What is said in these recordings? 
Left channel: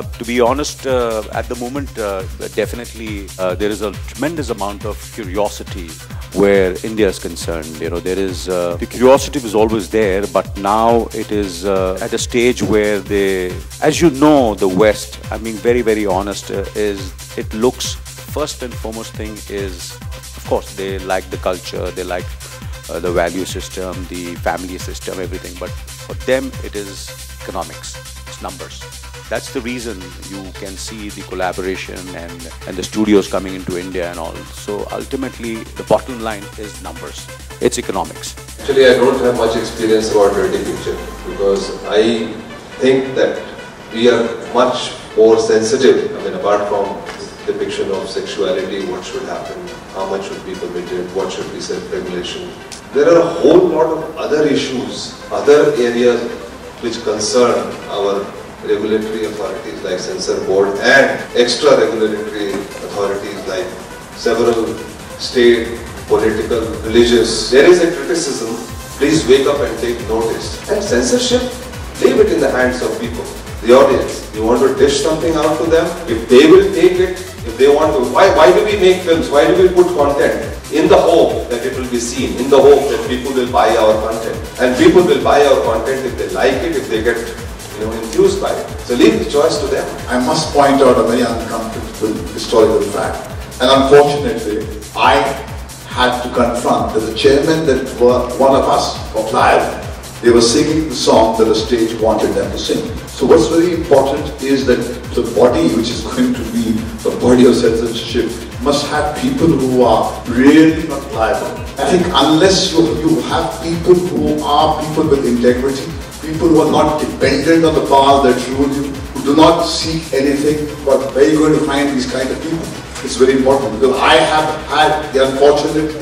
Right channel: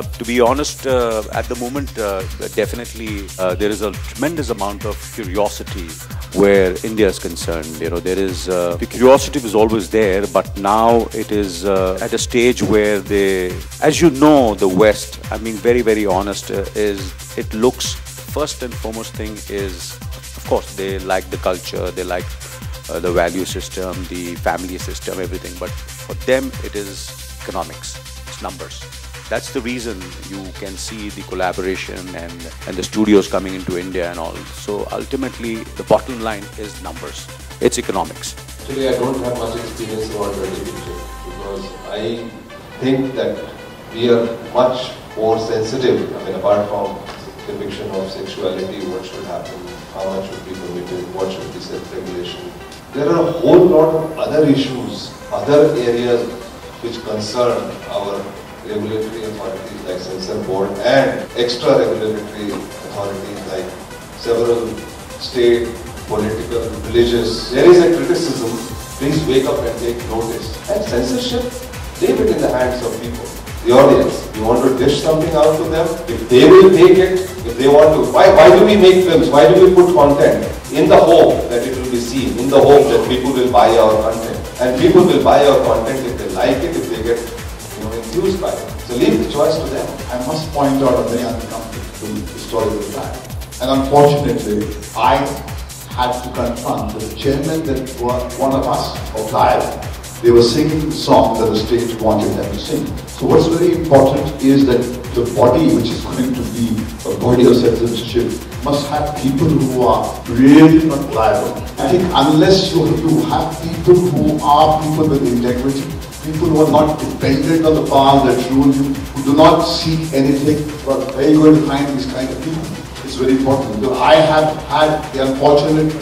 To be honest, at the moment, definitely there is a tremendous amount of curiosity where India is concerned. You know, there is the curiosity was always there, but now it is at a stage where they, as you know, the West. I'm being very, very honest. Is it looks first and foremost thing is, of course, they like the culture, they like the value system, the family system, everything. But for them, it is economics. It's numbers. That's the reason you can see the collaboration and the studios coming into India and all. So ultimately, the bottom line is numbers. It's economics. Actually, I don't have much experience about Ready Picture because I think that we are much more sensitive. I mean, apart from depiction of sexuality, what should happen, how much should be permitted, what should be self-regulation. There are a whole lot of other issues, other areas which concern our regulatory authorities like Censor Board and extra regulatory authorities like several state, political, religious. There is a criticism, please wake up and take notice. And censorship, leave it in the hands of people, the audience. You want to dish something out to them, if they will take it, if they want to. Why do we make films? Why do we put content? In the hope that it will be seen, in the hope that people will buy our content. And people will buy our content if they like it, if they get enthused by it. So leave the choice to them. I must point out a very uncomfortable historical fact. And unfortunately, I had to confront that the chairman that one of us of Live, they were singing the song that the state wanted them to sing. So what's very important is that the body which is going to be a body of censorship must have people who are really not liable. I think unless you have people who are people with integrity, people who are not dependent on the power that rule you, who do not seek anything, but where are you going to find these kind of people? It's very important because I have had the unfortunate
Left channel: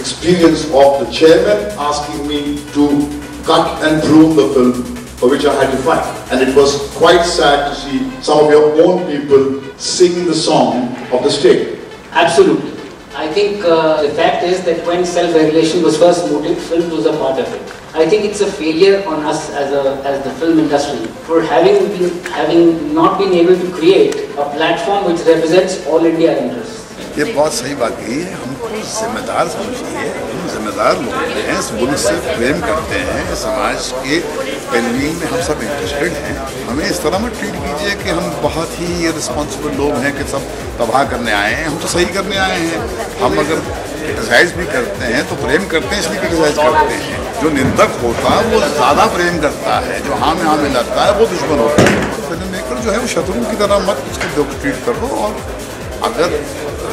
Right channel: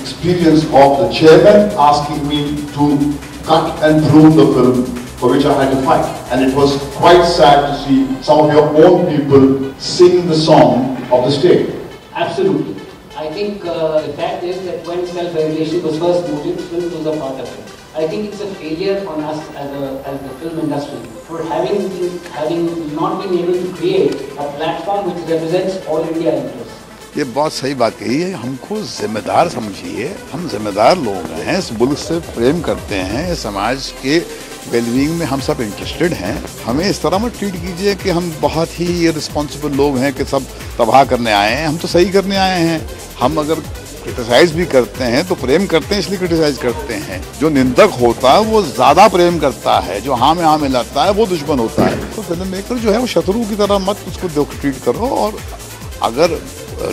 experience of the chairman asking me to cut and prune the film for which I had to fight. And it was quite sad to see some of your own people sing the song of the state. Absolutely. I think the fact is that when self-regulation was first mooted, film was a part of it. I think it's a failure on us as the film industry for having not been able to create a platform which represents all India interests. ये बहुत सही बात कही है। हमको जिम्मेदार समझिए, हम जिम्मेदार लोग हैं, इस मुल्क से प्रेम करते हैं, समाज के वेलबींग में हम सब इंटरेस्टेड हैं। हमें इस तरह मत ट्रीट कीजिए कि हम बहुत ही रिस्पॉन्सिबल लोग हैं कि सब तबाह करने आए हैं। हम तो सही करने आए हैं। हम अगर क्रिटिसाइज भी करते हैं तो प्रेम करते हैं इसलिए क्रिटिसाइज करते हैं। जो निंदक होता है वो ज़्यादा प्रेम करता है, जो हाँ में लगता है वो दुश्मन होता है। तो फिल्म मेकर जो है वो शत्रु की तरह मत उसको ट्रीट करो। और अगर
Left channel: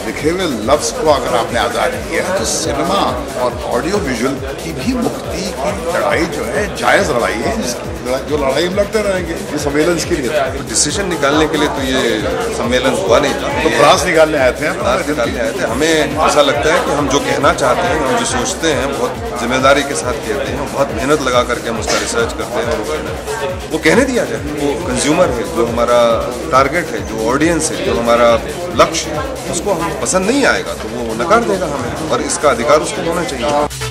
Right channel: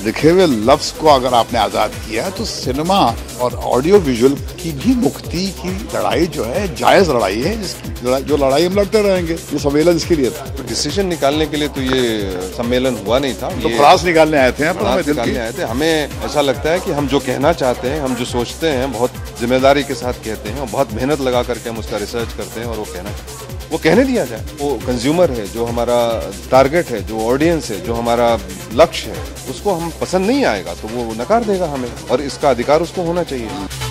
लिखे हुए लफ्ज़ को अगर आपने आज़ाद किया तो सिनेमा और ऑडियो विजुअल की भी मुक्ति की लड़ाई जो है जायज़ लड़ाई है, जो लड़ाई हम लड़ते रहेंगे। ये सम्मेलन इसके लिए था, डिसीजन निकालने के लिए तो ये सम्मेलन हुआ नहीं था। तो फ्रांस निकालने आए थे, निकालने आए थे। हमें ऐसा लगता है कि हम जो कहना चाहते हैं, हम जो सोचते हैं, बहुत जिम्मेदारी के साथ कहते हैं, बहुत मेहनत लगा करके हम उसका रिसर्च करते हैं और वो कहने दिया जाए। वो कंज्यूमर है, जो हमारा टारगेट है, जो ऑडियंस है, जो हमारा लक्ष्य है, उसको हम पसंद नहीं आएगा तो वो नकार देगा हमें, और इसका अधिकार उसको होना चाहिए।